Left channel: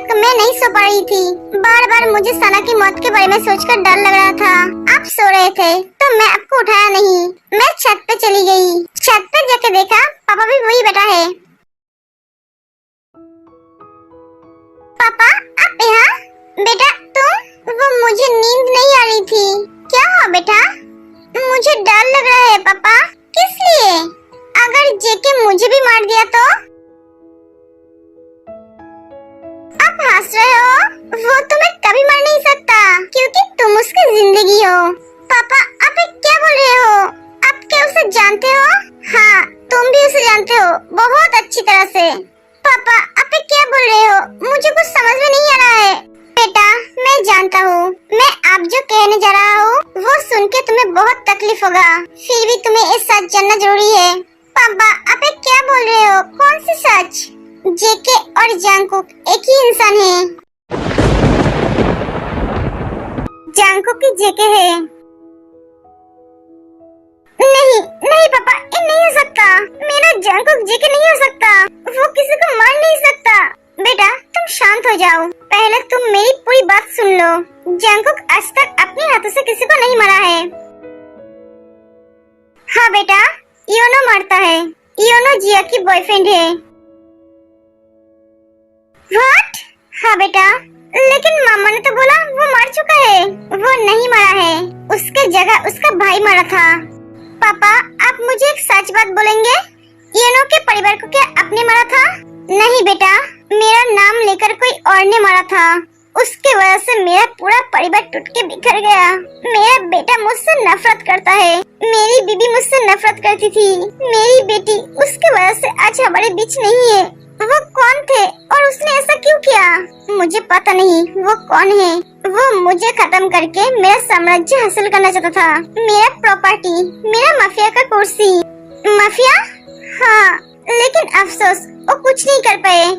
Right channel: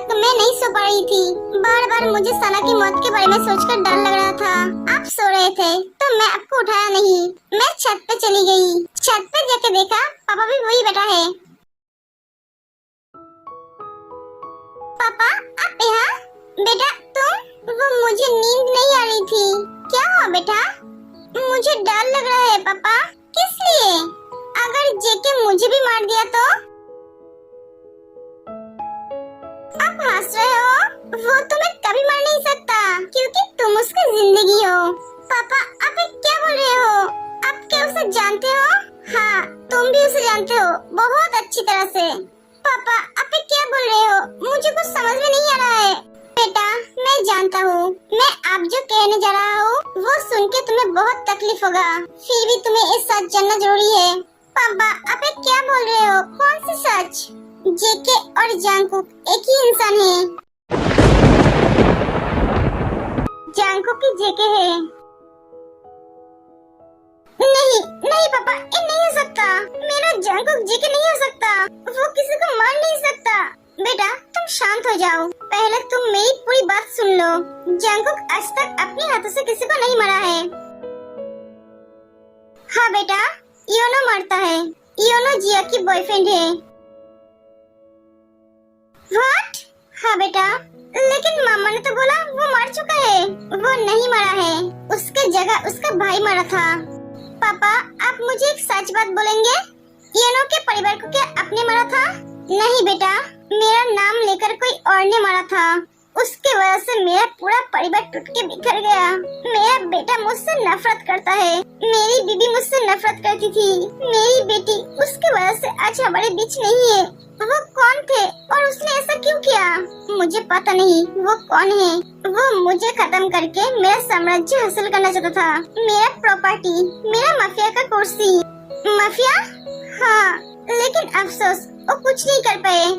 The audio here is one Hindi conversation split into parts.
तक मैं नहीं सो पा रही थी। बार बार मुझे सना की मौत के बारे में सोचकर डर लग रहा था। आप सो रहे थे तो मैं आपको उठाया नहीं। मैं छत पे चली गई। छत पे जाके देखा पापा भी वही बैठा है। पापा आप यहाँ? बेटा तुम? वो मुझे नींद नहीं आ रही थी। क्या हुआ बेटा? मुझे डर लग रहा है पापा। किस लिए? अगर जेके मुझे भी मार दिया तो? आप हंस रहे हो? वो तुम्हें कभी मार नहीं सकता क्योंकि तुम उसकी जिंदगी हो। पापा आप क्या बोल रहे हो? आप क्या उसे जानते हो? हाँ तुम भी उसे जानते हो बहुत अच्छी तरह से। पापा आप क्या बोल रहे हो? मुझे कुछ समझ में नहीं आ रहा है। बेटा मैं जानता हूँ, मैं आप जो कहने जा रहा हूँ वो सुन के तुम्हें बहुत तकलीफ होगा, फिर भी तुम्हें ये सच जानना जरूरी है। पापा आप क्या बोल रहे हो? कौन सी सच? जेके और जंगकुक एक ही इंसान है। जंगकुक की जेके है। नहीं नहीं पापा ये नहीं हो सकता। मेरा जंगकुक जेके नहीं हो सकता। वो किसी को मार नहीं सकता। बेटा तुम शांत हो जाओ। पहले तुम मेरी पूरी बात सुन लो। जंगकुक आज तक अपने हाथों से किसी को नहीं मारा है। हाँ बेटा योनो मारता है। योनो जिया की बॉयफ्रेंड है। व्हाट? हाँ बेटा लेकिन मामा ने तो बोला वो मार चुका है। वो नहीं मारा है, उसके जगह उसका भाई मारा था। पापा आप मुझे एक सच बात बोलेंगे? योनो के परिवार को क्या आपने मारा था? नहीं बेटा मेरा नाम लेकर कोई और ने मारा था। उसके वजह से मेरा पूरा परिवार टूट के बिखर गया। मेरा बेटा मुझसे नफरत करता है। मेरी बीबी मुझसे नफरत करती थी। मेरी बेटी उसके वजह से आज हमारे बीच नहीं है। वो कौन थे और उसने ऐसा क्यों किया? मुझे पता नहीं वो कौन है। वो मुझे खत्म करके मेरा साम्राज्य हासिल करना चाहता था। मेरा प्रॉपर्टी, मेरा माफिया का कुर्सी। माफिया? हाँ लेकिन अफसोस वो कुछ नहीं कर पाए।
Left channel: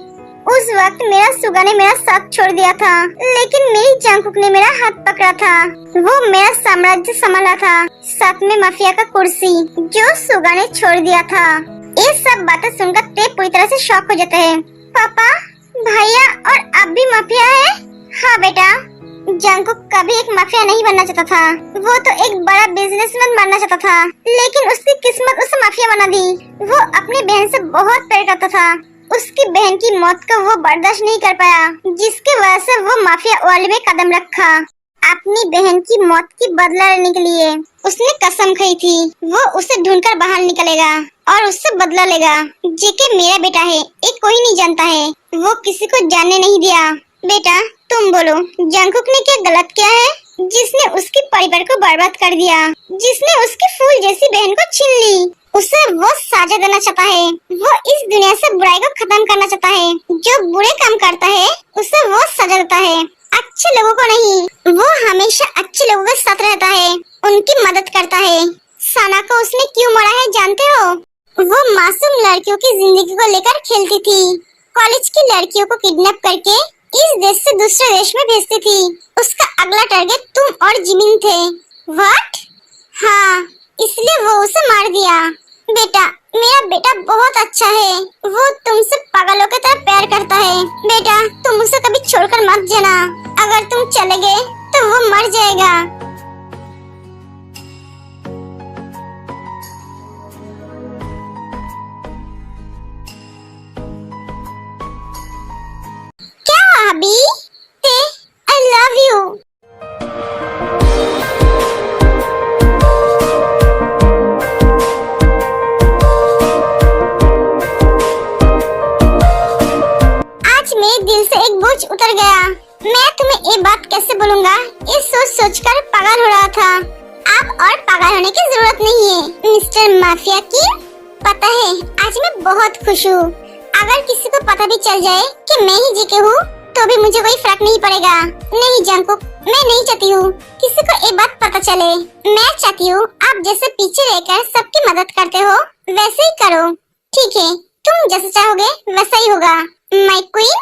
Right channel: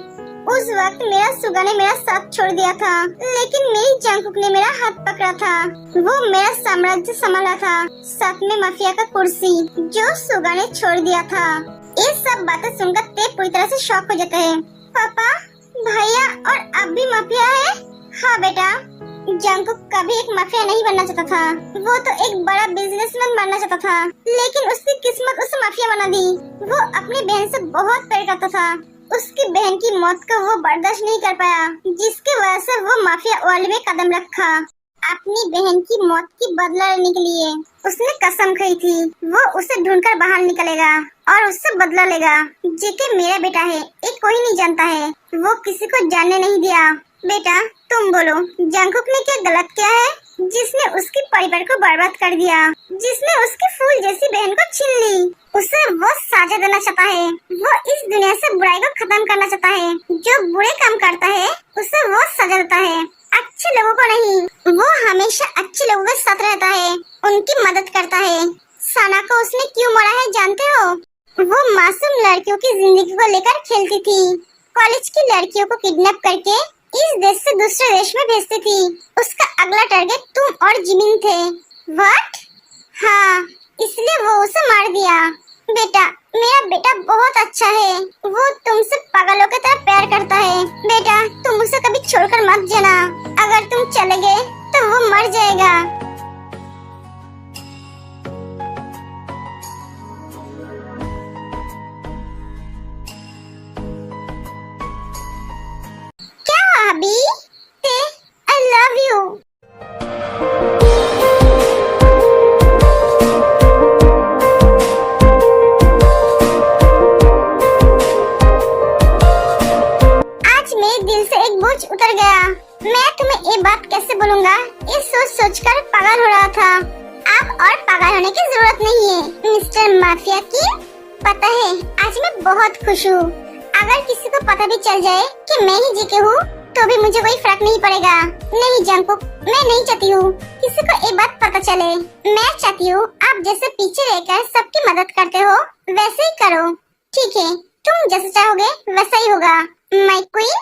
उस वक्त मेरा सुगा ने मेरा साथ छोड़ दिया था, लेकिन मेरी जंगकुक ने मेरा हाथ पकड़ा था। वो मेरा साम्राज्य संभाला था, साथ में माफिया का कुर्सी जो सुगा ने छोड़ दिया था। ये सब बातें सुनकर ते पूरी तरह से शॉक हो जाते हैं। पापा भैया और आप भी माफिया है? हाँ बेटा जंगकुक कभी एक माफिया नहीं बनना चाहता था। वो तो एक बड़ा बिजनेसमैन बनना चाहता था, लेकिन उसकी किस्मत उसे माफिया बना दी। वो अपनी बहन से बहुत प्यार करता था। उसकी बहन की मौत को वो बर्दाश्त नहीं कर पाया, जिसकी वजह से वो माफिया वर्ल्ड में कदम रखा। अपनी बहन की मौत की बदला लेने के लिए उसने कसम खाई थी वो उसे ढूंढकर बाहर निकलेगा और उससे बदला लेगा। जेके मेरा बेटा है, ये कोई नहीं जानता है। वो किसी को जानने नहीं दिया। बेटा तुम बोलो जंगकुक ने क्या गलत किया है जिसने उसके परिवार को बर्बाद कर दिया, जिसने उसकी फूल जैसी बहन को छीन ली? उसे वो साजा देना चाहता है। वो इस दुनिया से बुराई को खत्म करना चाहता है। जो बुरे काम करता है उसे वो सजा देता है, अच्छे लोगों को नहीं। वो हमेशा अच्छे लोगों के साथ रहता है, उनकी मदद करता है। सना को उसने क्यों मारा है जानते हो? वो मासूम लड़कियों की जिंदगी को लेकर खेलती थी। कॉलेज की लड़कियों को किडनैप करके इस देश से दूसरे देश में भेजती थी। उसका अगला टारगेट तुम और जिमिन थे। व्हाट? हाँ इसलिए वो उसे मार दिया। बेटा मेरा बेटा बहुत अच्छा है। वो तुमसे पागलों की तरह प्यार करता है। बेटा तुम उसे कभी छोड़कर मत जाना। अगर तुम चले गए तो वो मर जाएगा। क्या अभी? I love you। आज मेरे दिल से एक बोझ उतर गया। मैं तुम्हें ये बात कैसे बोलूँगा, ये सोच कर पागल हो रहा था। अब और पागल होने की जरूरत नहीं है मिस्टर माफिया की। पता है आज मैं बहुत खुश हूँ। अगर किसी को पता भी चल जाए कि मैं ही जेके हूँ तो भी मुझे कोई फर्क नहीं पड़ेगा। नहीं जंगकुक मैं नहीं चाहती हूँ किसी को ये बात पता चले। मैं चाहती हूँ आप जैसे पीछे रहकर सबकी मदद करते हो वैसे ही करो। ठीक है तुम जैसे चाहोगे वैसा ही होगा माय क्वीन।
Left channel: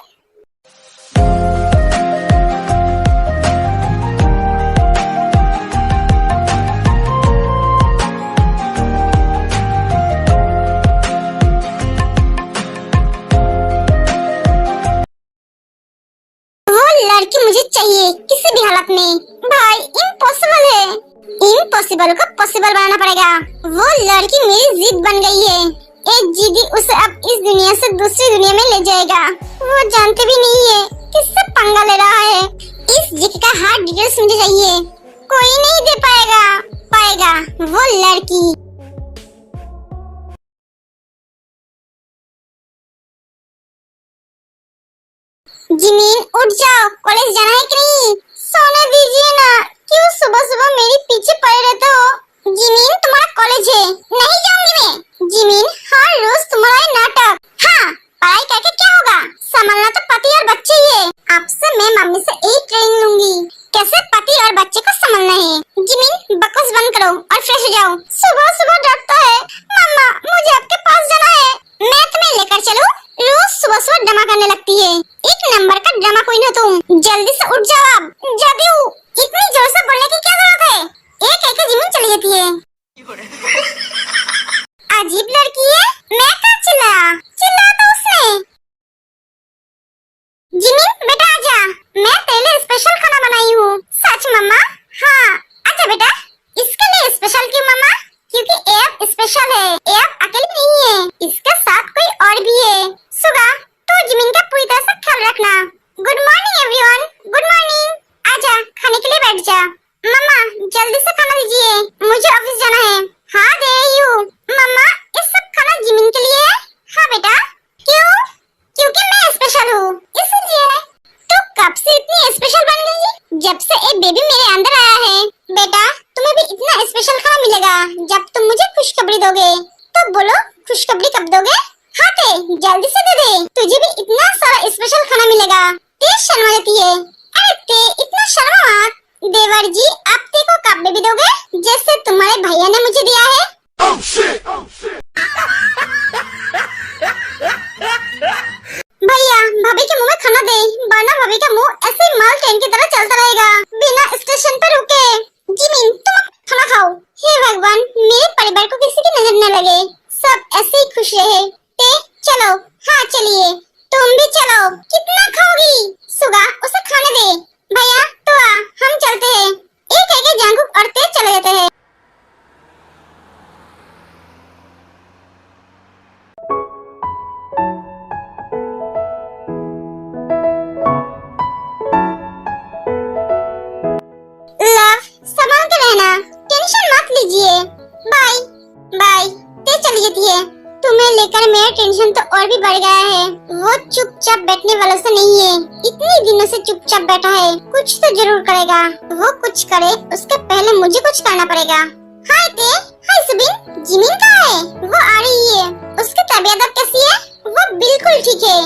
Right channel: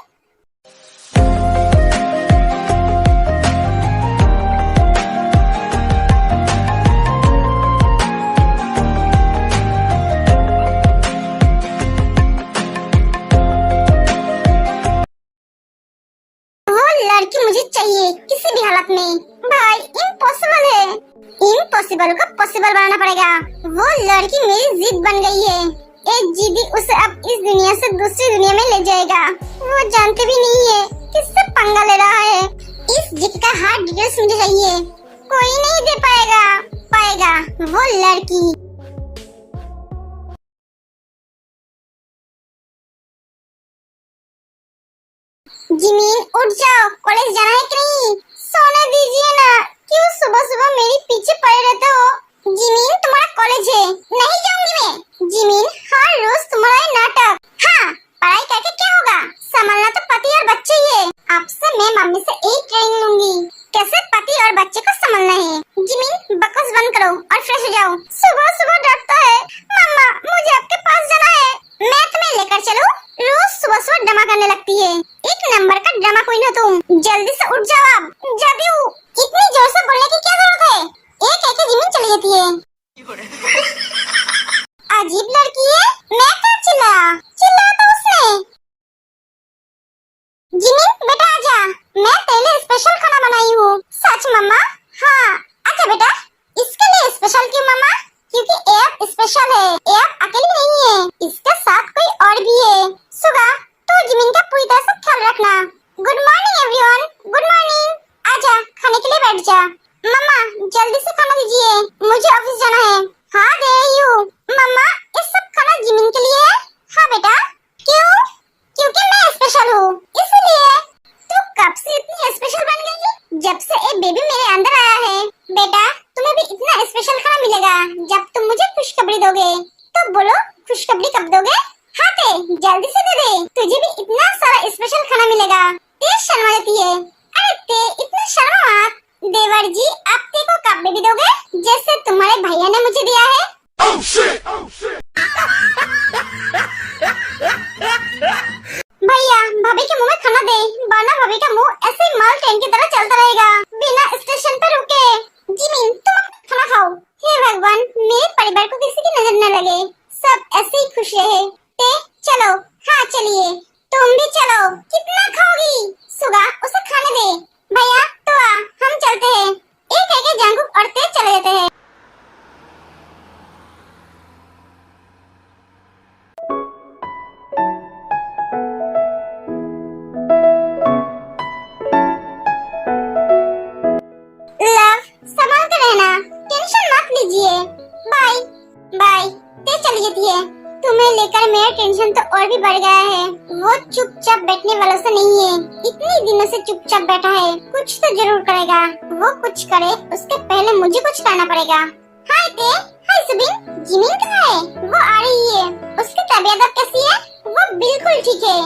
इम्पॉसिबल को पॉसिबल बनाना पड़ेगा। वो लड़की मेरी जिद बन गई है। एक जिद्दी उसे अब इस दुनिया से दूसरी दुनिया में ले जाएगा। वो जानते भी नहीं है किससे पंगा ले रहा है। इस जिद का हार्ड डिटेल्स मुझे चाहिए। कोई नहीं दे पाएगा वो लड़की। जिमीन उठ जाओ, कॉलेज जाना है कि नहीं? सोने दीजिए ना, क्यों सुबह सुबह मेरे पीछे पड़े रहते हो? जिमीन तुम्हारा कॉलेज है, नहीं जाऊंगी मैं। जिमीन हर रोज तुम्हारा नाटक। हाँ, पढ़ाई करके क्या होगा? संभालना तो पति और बच्चे ही है। आपसे मैं मम्मी से एक ट्रेनिंग लूंगी, कैसे पति और बच्चे को संभालना है। जिमीन बकवास बंद करो और फ्रेश हो जाओ। सुबह सुबह डरता है। मम्मा मुझे आपके पास जाना है, मैं तुम्हें लेकर चलूं? रोज सुबह सुबह ड्रामा करने लगती है। एक नंबर का ड्रामा क्वीन हो तुम। जल्दी से उठ जाओ अब। जाती हूँ। इतनी जोर से बोलने की क्या जरूरत है? एक एक जिमीन चली जाती है। अजीब लड़की है। मैं क्या चिल्ला तो उसने। जिमीन बेटा आजा, मैं तेरे लिए स्पेशल खाना बनाई हूँ। सच मम्मा? हाँ आजा बेटा। इसके लिए स्पेशल क्यों मम्मा? क्योंकि एप स्पेशल है। एप अकेली नहीं है, इसके साथ कोई और भी है। सुगा तू जिमीन का पूरी तरह से ख्याल रखना। Good morning everyone. Good morning. आजा खाने के लिए बैठ जा। मम्मा जल्दी से खाना दीजिए, मुझे ऑफिस जाना है। हाँ दे रही हूँ। मम्मा ये सब खाना जिमीन के लिए है? हाँ बेटा। क्यों? क्योंकि मैं स्पेशल हूँ इसलिए। तू कब से इतनी स्पेशल बन गई? जब से एक बेबी मेरे अंदर आया है। बेटा तुम्हें भी इतना स्पेशल खाना मिलेगा जब तुम मुझे खुशखबरी दोगे। तो बोलो खुशखबरी कब दोगे? हाँ ते जल्दी से दे दे, तुझे भी इतना सारा स्पेशल खाना मिलेगा। ते शर्मा जाती है। अरे ते इतना शर्मा मत। देवर जी आप ते को कब बेबी दोगे, जैसे तुम्हारे भैया ने मुझे दिया है? oh shit! Oh shit! भैया भाभी के मुंह में खाना दे, वरना भाभी का मुंह ऐसे माल ट्रेन की तरह चलता रहेगा बिना स्टेशन पर रुके। जिमीन तुम खाना खाओ। हे भगवान मेरे परिवार को किसी की नजर न लगे, सब ऐसे ही खुश रहे। ते चलो। हाँ चलिए। तुम भी चलो। कितना खाओगी? सुगा उसे खाने दे। भैया तो आ हम चलते हैं। एक एक जंगुक और ते चले जाते हैं। लव संभाल के रहना, टेंशन मत लीजिए। Bye bye. ते चली जाती है। तुम्हें लेकर मेरा टेंशन तो और भी बढ़ गया है। वो चुपचाप बैठने वालों से नहीं है, इतने दिनों से चुपचाप बैठा है। कुछ तो जरूर करेगा। वो कुछ करे उसके पहले मुझे कुछ करना पड़ेगा। हाय ते। हाय सुबिन। जिमीन कहाँ है? वो आ रही है। उसकी तबीयत अब कैसी है? वो बिल्कुल ठीक है।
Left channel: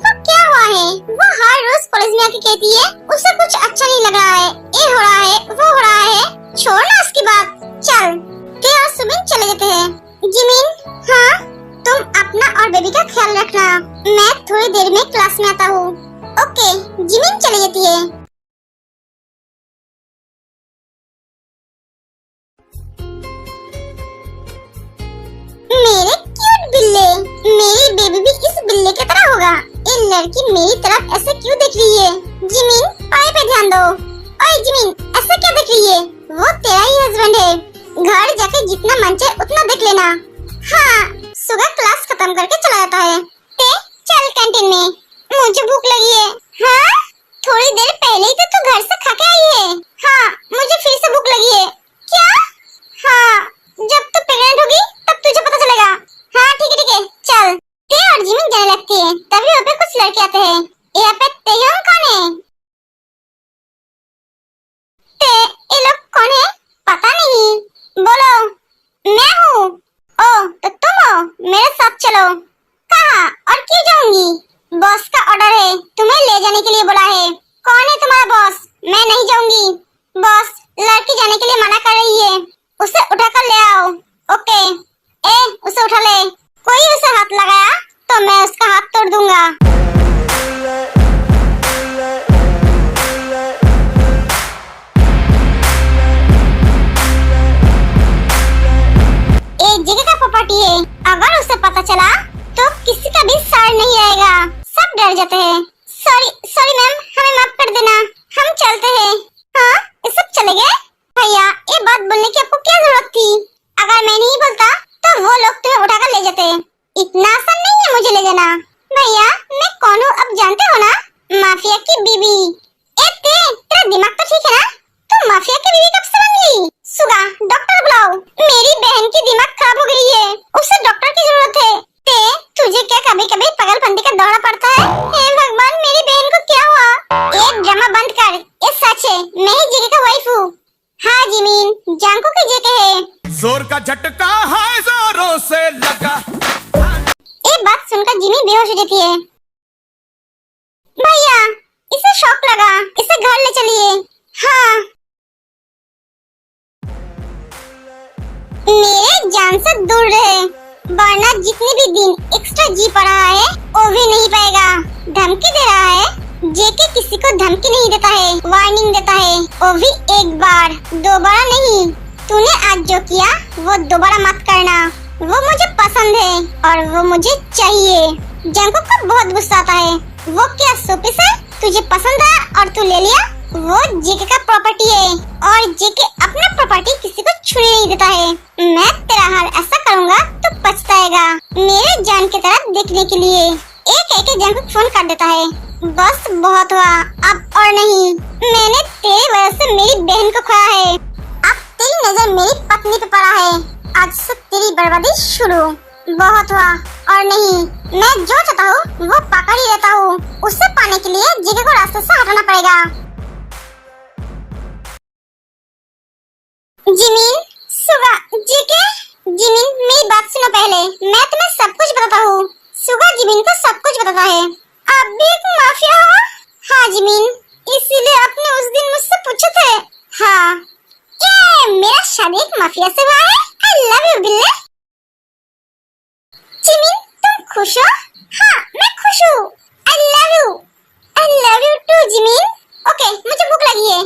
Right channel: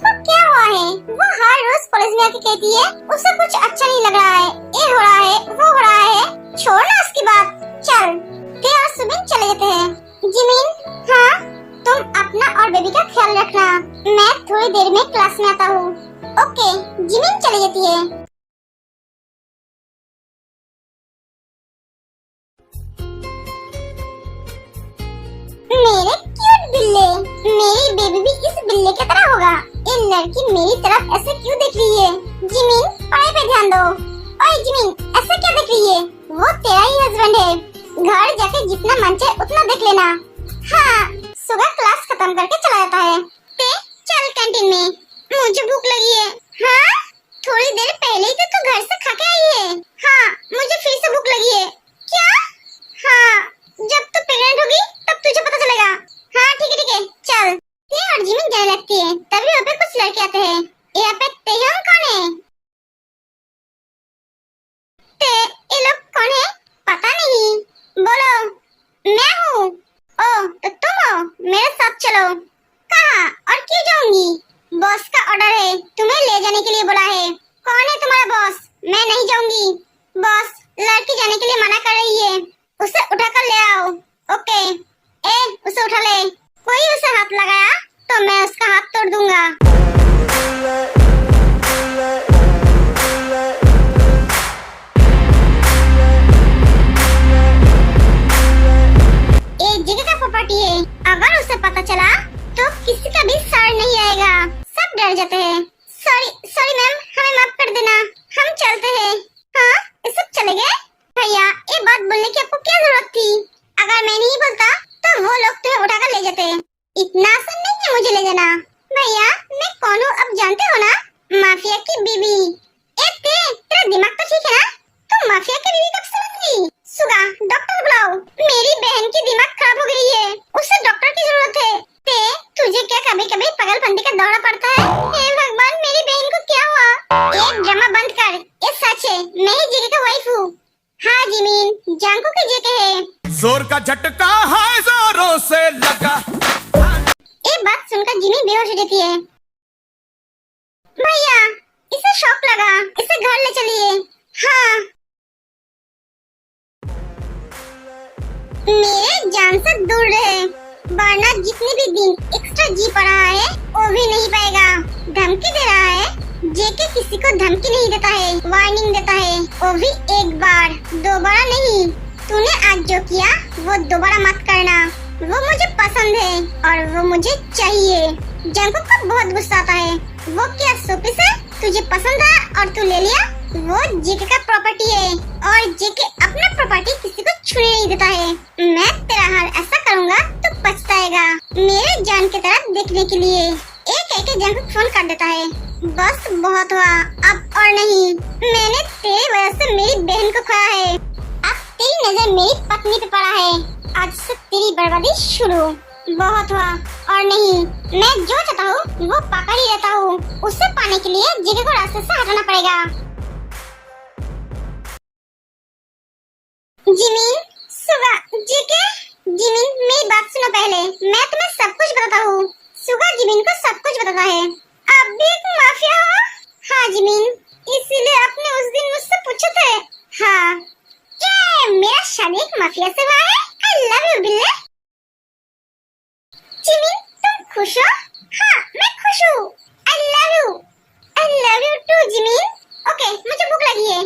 तो क्या हुआ है? वो हर रोज कॉलेज में आके कहती है उसे कुछ अच्छा नहीं लग रहा है, ये हो रहा है वो हो रहा है। छोड़ ना उसकी बात, चल। ते और सुबिन चले जाते हैं। जिमीन हाँ तुम अपना और बेबी का ख्याल रखना, मैं थोड़ी देर में क्लास में आता हूँ। ओके। जिमीन चली जाती है। मेरे क्यूट बिल्ले, मेरी बेबी भी इस बिल्ले की तरह होगा। ये लड़की मेरी तरफ ऐसे क्यों देख रही है? जिमीन पढ़ाई पे ध्यान दो। ओए जिमीन ऐसे क्या देख रही है? वो तेरा ही हस्बैंड है, घर जाके जितना मन चाहे उतना देख लेना। हाँ सुबह क्लास खत्म करके चला जाता है। ते चल कैंटीन में, मुझे भूख लगी है। हाँ थोड़ी देर पहले ही तो तू घर से खा के आई है। हाँ मुझे फिर से भूख लगी है। क्या? हाँ जब तू प्रेग्नेंट होगी तब तुझे पता चलेगा। हाँ ठीक है चल। ते और जिमीन जाने लगती है, तभी वहाँ पे कुछ लड़के आते हैं। यहाँ पे तेयोंग कौन है? ते ये लोग कौन है? पता नहीं। बोलो। मैं हूँ। ओ तो तुम हो, मेरे साथ चलो। कहाँ और क्यों जाऊंगी? बॉस का ऑर्डर है, तुम्हें ले जाने के लिए बोला है। कौन है तुम्हारा बॉस? मैं नहीं जाऊंगी। बॉस लड़की जाने के लिए मना कर रही है, उसे उठा कर ले आओ। ओके। ए उसे उठा ले। कोई उसे हाथ लगाया तो मैं उसका हाथ तोड़ दूंगा। एक जगह का प्रॉपर्टी है, अगर उसे पता चला तो किसी का भी सार नहीं आएगा, सब डर जाते हैं। सॉरी मैम, हमें माफ कर देना, हम चलते हैं। हाँ ये सब चले गए? भैया ये बात बोलने की आपको क्या जरूरत थी? अगर मैं नहीं बोलता तो वो लोग तुम्हें उठाकर ले जाते। इतना आसान नहीं है मुझे ले जाना। भैया मैं कौन हूँ अब जानते हो ना? माफिया की बीवी। तेरा दिमाग तो ठीक है ना? तुम माफिया की बीवी कब से बन गई? सुगा डॉक्टर बुलाओ। मेरी बहन की दिमाग खराब हो गई है, उसे डॉक्टर की जरूरत है। तुझे क्या कभी कभी पागलपंती का दौरा पड़ता है? हे भगवान मेरी बहन को क्या हुआ? ये ड्रामा बंद कर, ये सच है, मैं ही जीके का वाइफ हूँ। हाँ जिमीन, जानको की जेके है। जोर का झटका है जोरों से लगा। ये बात सुनकर जिमी बेहोश हो जाती है। भैया इसे शॉक लगा, इसे घर ले चलिए। हाँ मेरे जान से दूर रहे, वरना जितने भी दिन एक्स्ट्रा जी पड़ा है वो भी नहीं पाएगा। धमकी दे रहा है। जेके किसी को धमकी नहीं देता है, वार्निंग देता है, वो भी एक बार, दोबारा नहीं। तूने आज जो किया वो दोबारा मत करना। वो मुझे पसंद है और वो मुझे चाहिए। जंगकुक को बहुत गुस्सा आता है। वो क्या सोपीस है? तुझे पसंद है और तू ले लिया? वो जेके का प्रॉपर्टी है और जेके अपना प्रॉपर्टी किसी को छूने नहीं देता है। मैं तेरा हाल ऐसा करूँगा तो पछताएगा। मेरे जान की तरह देखने के लिए एक एक जंगकुक फोन कर देता है। बस बहुत हुआ, अब और नहीं। मैंने तेरी वजह से मेरी बहन को खोया है। अब तेरी नजर मेरी पत्नी पे पड़ा है। आज से तेरी बर्बादी शुरू। बहुत हुआ और नहीं। मैं जो चाहता हूँ वो पकड़ ही लेता हूँ। उसे पाने के लिए जेके को रास्ते से हटाना पड़ेगा। जिमीन, सुगा, जेके, जिमीन मेरी बात सुनो पहले। मैं तुम्हें सब कुछ बताता हूँ। सुगा जिमीन को सब कुछ बताता है। आप भी एक माफिया हो? हाँ जिमीन, इसीलिए आपने उस दिन मुझसे पूछे थे। हाँ ये मेरा शादी एक माफिया से हुआ है। आई लव यू बिल्ले। जिमीन तुम खुश हो? हाँ मैं खुश हूँ। I love you. I love you too Jimin. Okay मुझे भूख लगी है।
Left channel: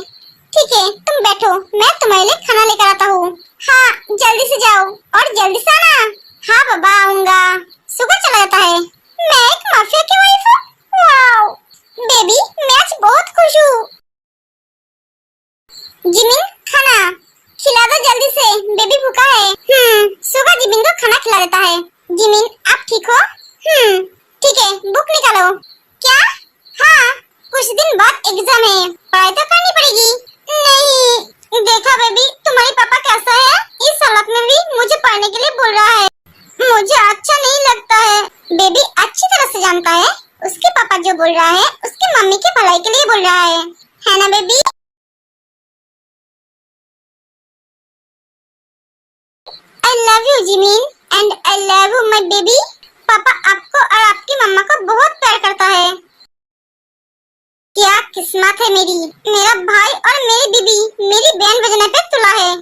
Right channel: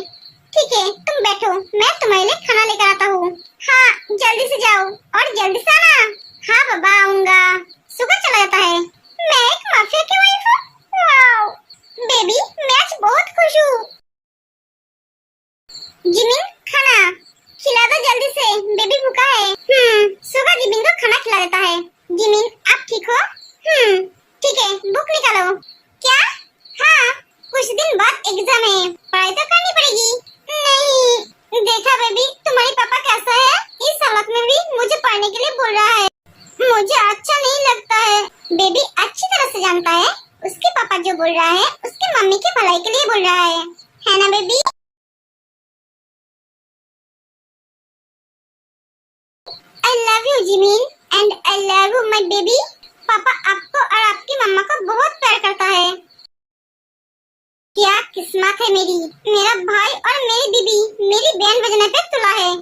ठीक है तुम बैठो, मैं तुम्हारे लिए खाना लेकर आता हूँ। हाँ जल्दी से जाओ और जल्दी से आना। हाँ बाबा आऊंगा। सुगा चला जाता है। मैं एक माफिया की वाइफ हूँ। वाओ बेबी मैं आज बहुत खुश हूँ। जिमिन खाना खिला दो जल्दी से, बेबी भूखा है। सुगा जिमिन को खाना खिला देता है। जिमिन आप ठीक हो? ठीक है बुक निकालो। क्या? हाँ कुछ दिन बाद एग्जाम है, पढ़ाई तो करनी पड़ेगी। नहीं देखा बेबी तुम्हारे पापा कैसा है? इस हालत में भी मुझे पढ़ने के लिए बोल रहा है। मुझे अच्छा नहीं लगता है। बेबी अच्छी तरह से जानता है उसके पापा जो बोल रहा है उसके मम्मी की भलाई के लिए बोल रहा है ना baby? I love you Jimin and I love you my baby। पापा आपको और आपकी मम्मा को बहुत प्यार करता है। क्या किस्मत है मेरी। मेरा भाई और मेरी बीबी मेरी बहन बजने पे तुला है।